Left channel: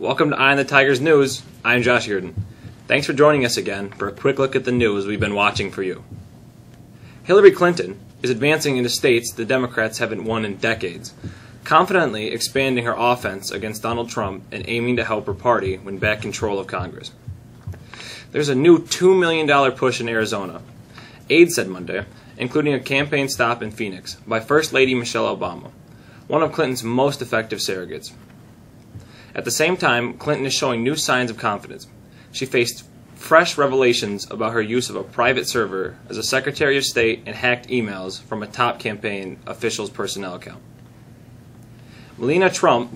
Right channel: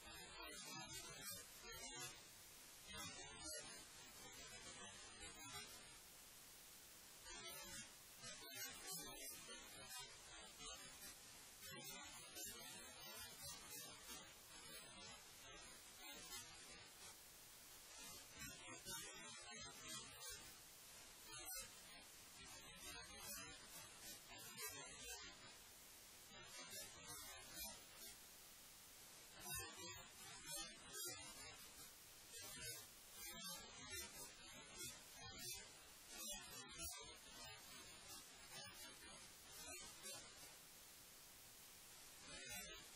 Welcome to Eye on the Tigers News. I'm Josh Yurden. Thanks for joining us again for a quick look at the news we've been watching for you. Hillary Clinton is advancing into states the Democrats haven't won in decades, confidently expanding her offense against Donald Trump and aiming to help her party win back control of Congress. There's a new $2 million push in Arizona, aides said Monday, including a campaign stop in Phoenix by First Lady Michelle Obama, one of Clinton's most effective surrogates. At the same time, Clinton is showing new signs of confidence. She faced fresh revelations about her use of a private server as a Secretary of State and hacked emails from a top campaign official's personnel account. Melania Trump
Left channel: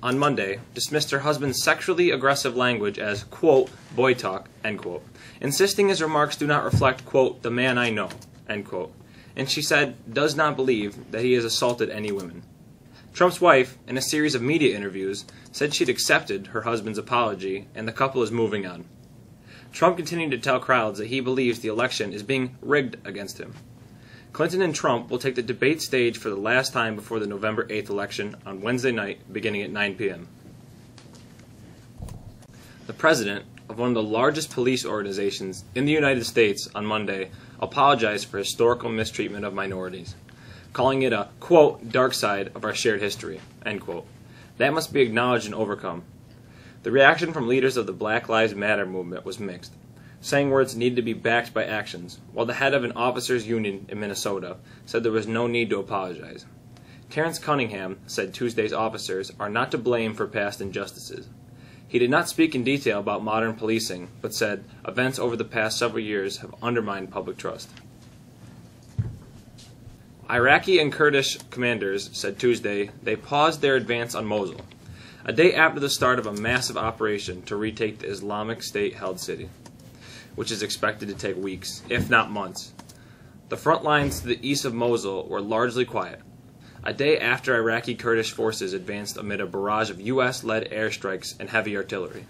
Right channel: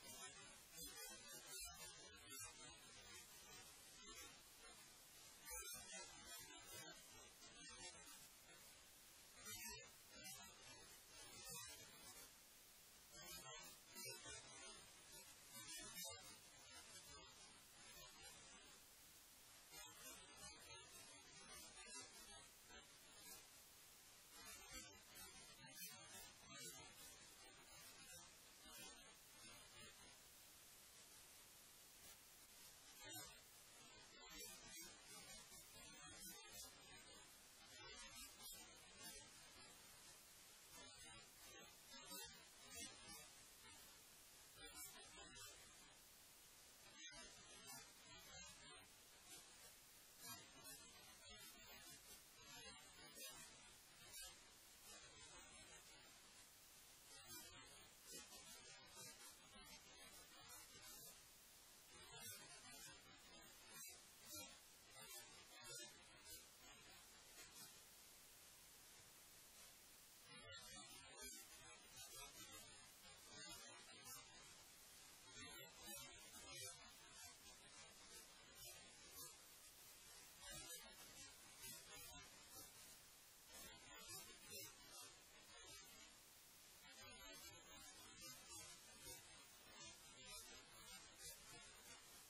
on Monday dismissed her husband's sexually aggressive language as, quote, boy talk, end quote, insisting his remarks do not reflect, quote, the man I know, end quote, and she said does not believe that he has assaulted any women. Trump's wife, in a series of media interviews, said she'd accepted her husband's apology and the couple is moving on. Trump continued to tell crowds that he believes the election is being rigged against him. Clinton and Trump will take the debate stage for the last time before the November 8th election on Wednesday night, beginning at 9 p.m. The president of one of the largest police organizations in the United States on Monday apologized for historical mistreatment of minorities, calling it a, quote, dark side of our shared history, end quote. That must be acknowledged and overcome. The reaction from leaders of the Black Lives Matter movement was mixed, saying words needed to be backed by actions, while the head of an officers' union in Minnesota said there was no need to apologize. Terrence Cunningham said Tuesday's officers are not to blame for past injustices. He did not speak in detail about modern policing, but said events over the past several years have undermined public trust. Iraqi and Kurdish commanders said Tuesday they paused their advance on Mosul, a day after the start of a massive operation to retake the Islamic State-held city, which is expected to take weeks, if not months. The front lines to the east of Mosul were largely quiet, a day after Iraqi Kurdish forces advanced amid a barrage of U.S.-led airstrikes and heavy artillery.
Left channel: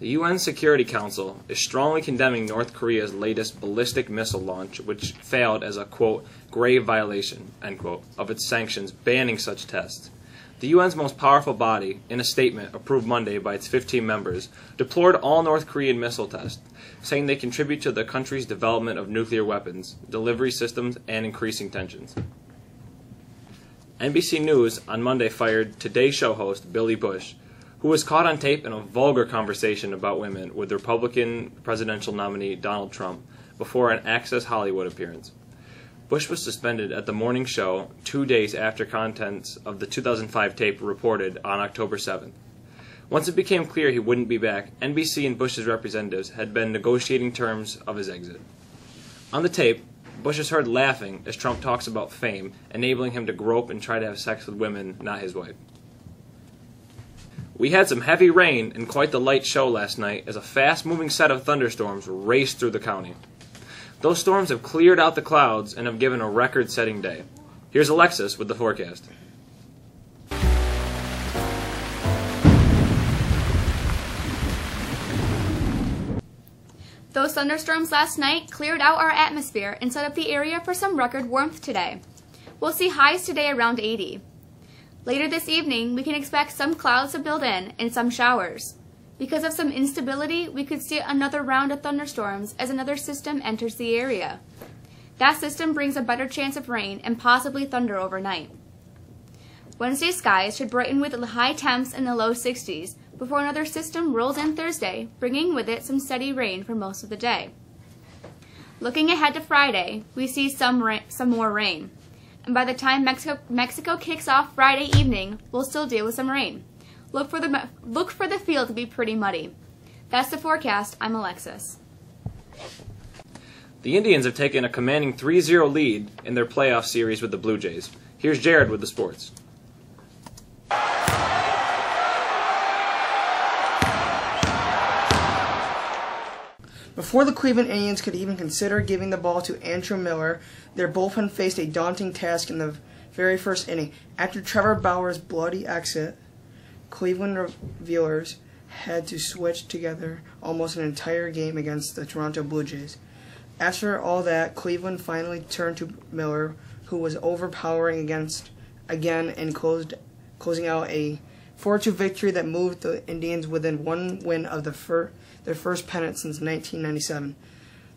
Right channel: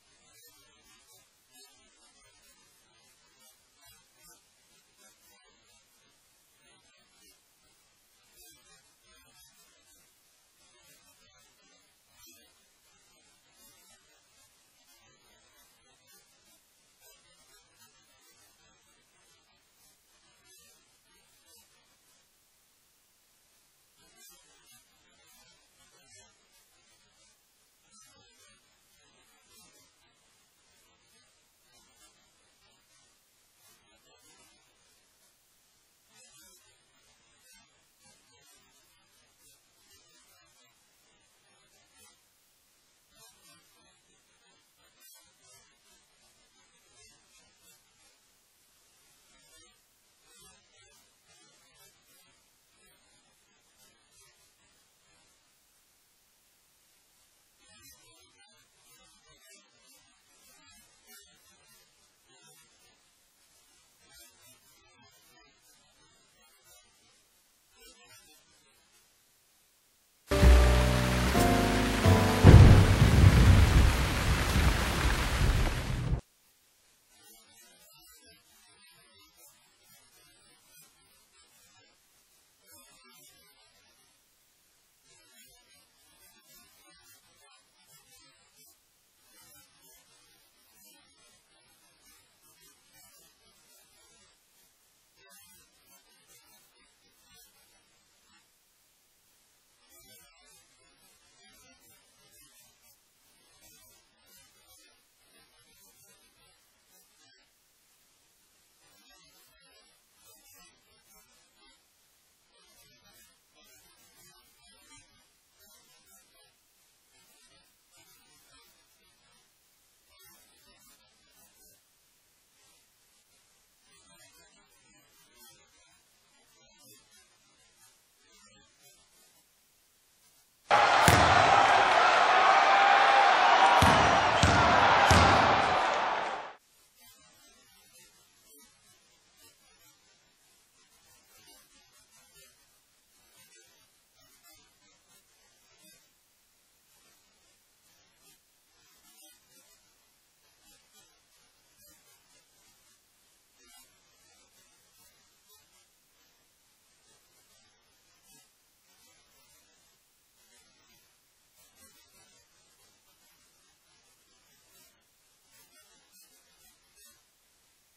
The UN Security Council is strongly condemning North Korea's latest ballistic missile launch, which failed as a, quote, grave violation, end quote, of its sanctions banning such tests. The UN's most powerful body, in a statement approved Monday by its 15 members, deplored all North Korean missile tests, saying they contribute to the country's development of nuclear weapons, delivery systems, and increasing tensions. NBC News on Monday fired Today Show host Billy Bush, who was caught on tape in a vulgar conversation about women with Republican presidential nominee Donald Trump before an Access Hollywood appearance. Bush was suspended at the morning show 2 days after contents of the 2005 tape were reported on October 7th. Once it became clear he wouldn't be back, NBC and Bush's representatives had been negotiating terms of his exit. On the tape, Bush is heard laughing as Trump talks about fame, enabling him to grope and try to have sex with women not his wife. We had some heavy rain and quite the light show last night as a fast-moving set of thunderstorms raced through the county. Those storms have cleared out the clouds and have given a record-setting day. Here's Alexis with the forecast. Those thunderstorms last night cleared out our atmosphere and set up the area for some record warmth today. We'll see highs today around 80. Later this evening, we can expect some clouds to build in and some showers. Because of some instability, we could see another round of thunderstorms as another system enters the area. That system brings a better chance of rain and possibly thunder overnight. Wednesday skies should brighten with high temps in the low 60s before another system rolls in Thursday, bringing with it some steady rain for most of the day. Looking ahead to Friday, we see some more rain. And by the time Mexico kicks off Friday evening, we'll still deal with some rain. Look for the field to be pretty muddy. That's the forecast. I'm Alexis. The Indians have taken a commanding 3-0 lead in their playoff series with the Blue Jays. Here's Jared with the sports. Before the Cleveland Indians could even consider giving the ball to Andrew Miller, their bullpen faced a daunting task in the very first inning. After Trevor Bauer's bloody exit, Cleveland relievers had to switch together almost an entire game against the Toronto Blue Jays. After all that, Cleveland finally turned to Miller, who was overpowering again and closing out a 4-2 victory that moved the Indians within one win of their first pennant since 1997.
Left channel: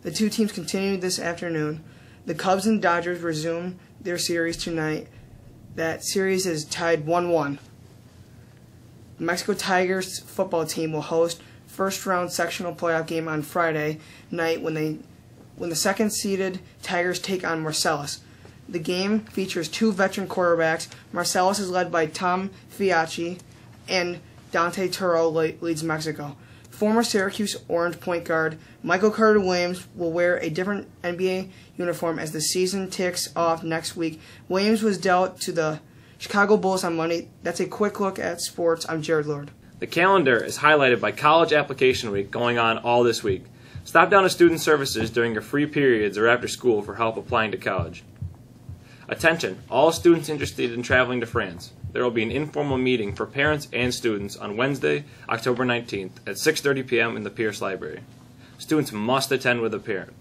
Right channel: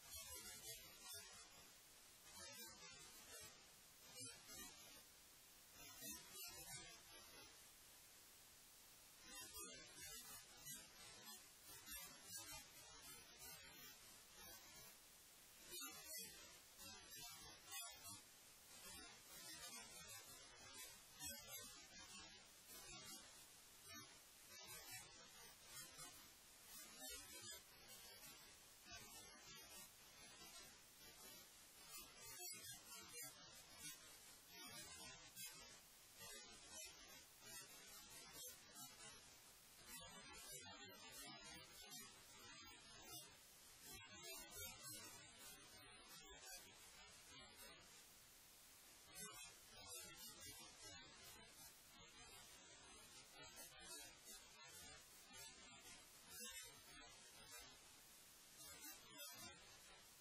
The two teams continued this afternoon. The Cubs and Dodgers resume their series tonight. That series is tied 1-1. The Mexico Tigers football team will host first-round sectional playoff game on Friday night when the second-seeded Tigers take on Marcellus. The game features two veteran quarterbacks. Marcellus is led by Tom Fiacci, and Dante Turo leads Mexico. Former Syracuse Orange point guard Michael Carter-Williams will wear a different NBA uniform as the season ticks off next week. Williams was dealt to the Chicago Bulls on Monday. That's a quick look at sports. I'm Jared Lord. The calendar is highlighted by College Application Week going on all this week. Stop down to Student Services during your free periods or after school for help applying to college. Attention, all students interested in traveling to France. There will be an informal meeting for parents and students on Wednesday, October 19th at 6:30 p.m. in the Pierce Library. Students must attend with a parent.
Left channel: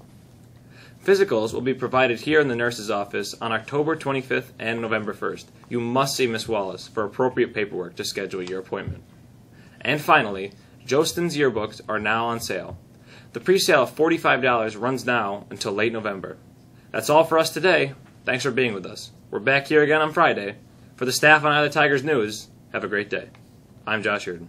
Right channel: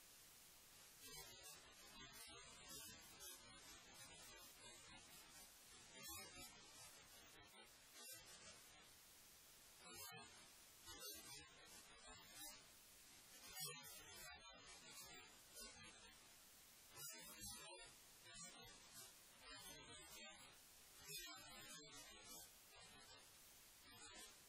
Physicals will be provided here in the nurse's office on October 25th and November 1st. You must see Miss Wallace for appropriate paperwork to schedule your appointment. And finally, Jostin's yearbooks are now on sale. The pre-sale of $45 runs now until late November. That's all for us today. Thanks for being with us. We're back here again on Friday. For the staff on Eye of the Tigers News, have a great day. I'm Josh Reardon.